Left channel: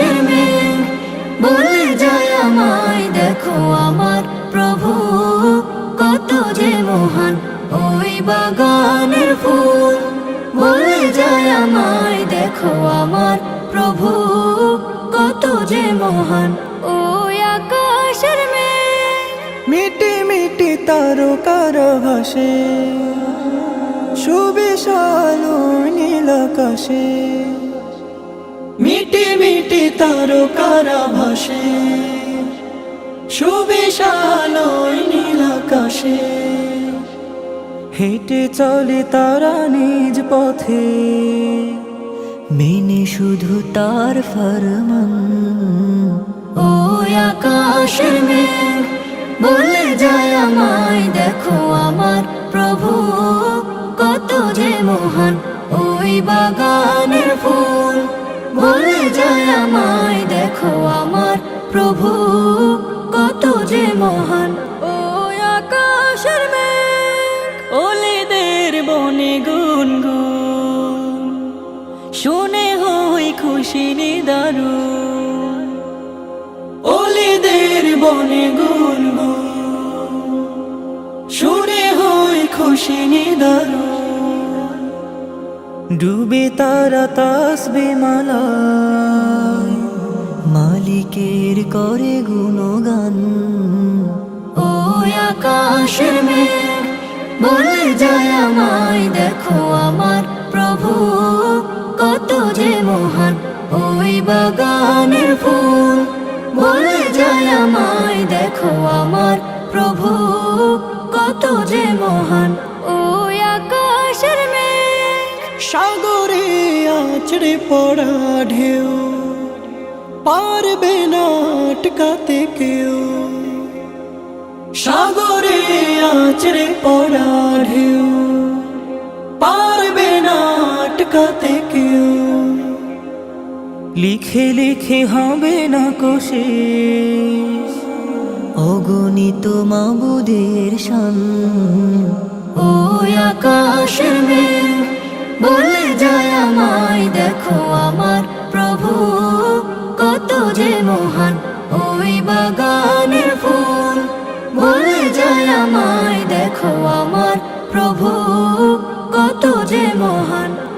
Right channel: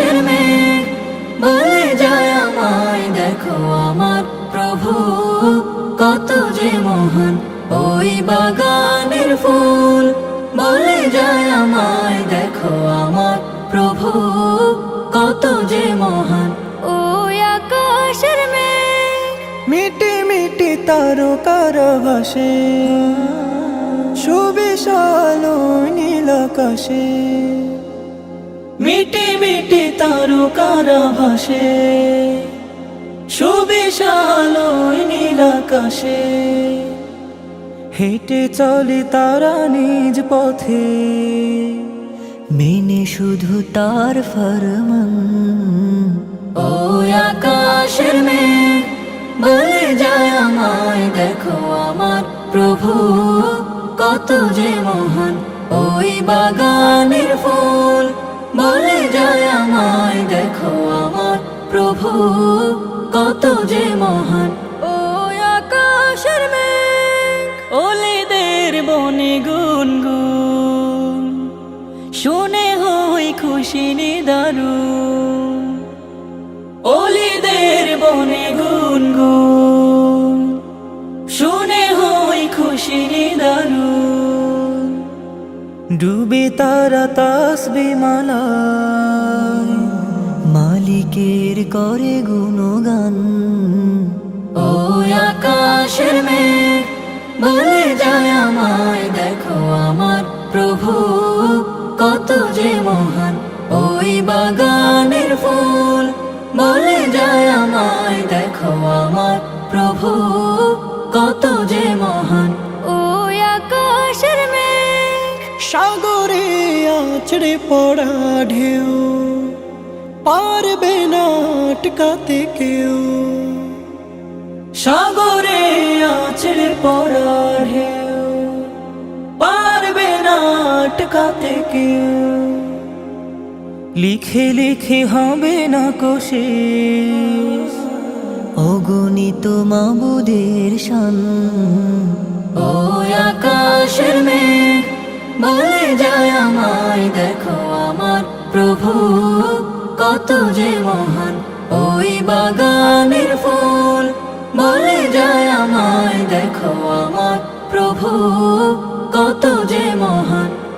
আকাশের মেঘ বলে যায় আমায়, দেখো আমার প্রভু কত যে মহান। ওই বাগানের ফুল বলে যায় আমায়, দেখো আমার প্রভু কত যে মহান। ওই আকাশের মেঘ মিটি মিটি তারকার ভাসে, সুবিশাল নীল আকাশে। মিটি মিটি তারকার ভাসে, সুবিশাল নীল আকাশে। হেঁটে চলে তারা নিজ পথে, মেনে শুধু তার ফরমান। ওই আকাশের মেঘ বলে যায় আমায়, দেখো আমার প্রভু কত যে মহান। ওই বাগানের ফুল বলে যায় আমায়, দেখো আমার প্রভু কত যে মহান। ওই আকাশের মেঘ ওলেদের বনে গুনগুন, শুনে হই খুশি নিদারুন। ওলেদের বনে গুনগুন, শুনে হই খুশি নিদারুন। ডুবে তারা তাসবিহ মালায়, মালিকের করে গুণগান। ওই আকাশের মেঘ বলে যায় আমায়, দেখো আমার প্রভু কত যে মহান। ওই বাগানের ফুল বলে যায় আমায়, দেখো আমার প্রভু কত যে মহান। ওই আকাশের মেঘ সাগরে আছড়ে পড়া ঢেউ, পারবে না আটকাতে কেউ। সাগরে আছড়ে পড়া ঢেউ, পারবে না আটকাতে কেউ। লিখে লিখে হবে না কোশেষ, অগণিত মাবুদের শান। ওই আকাশের মেঘ বলে যায় আমায়, দেখো আমার প্রভু কত যে মহান। ওই বাগানের ফুল বলে যায় আমায়, দেখো আমার প্রভু কত যে মহান।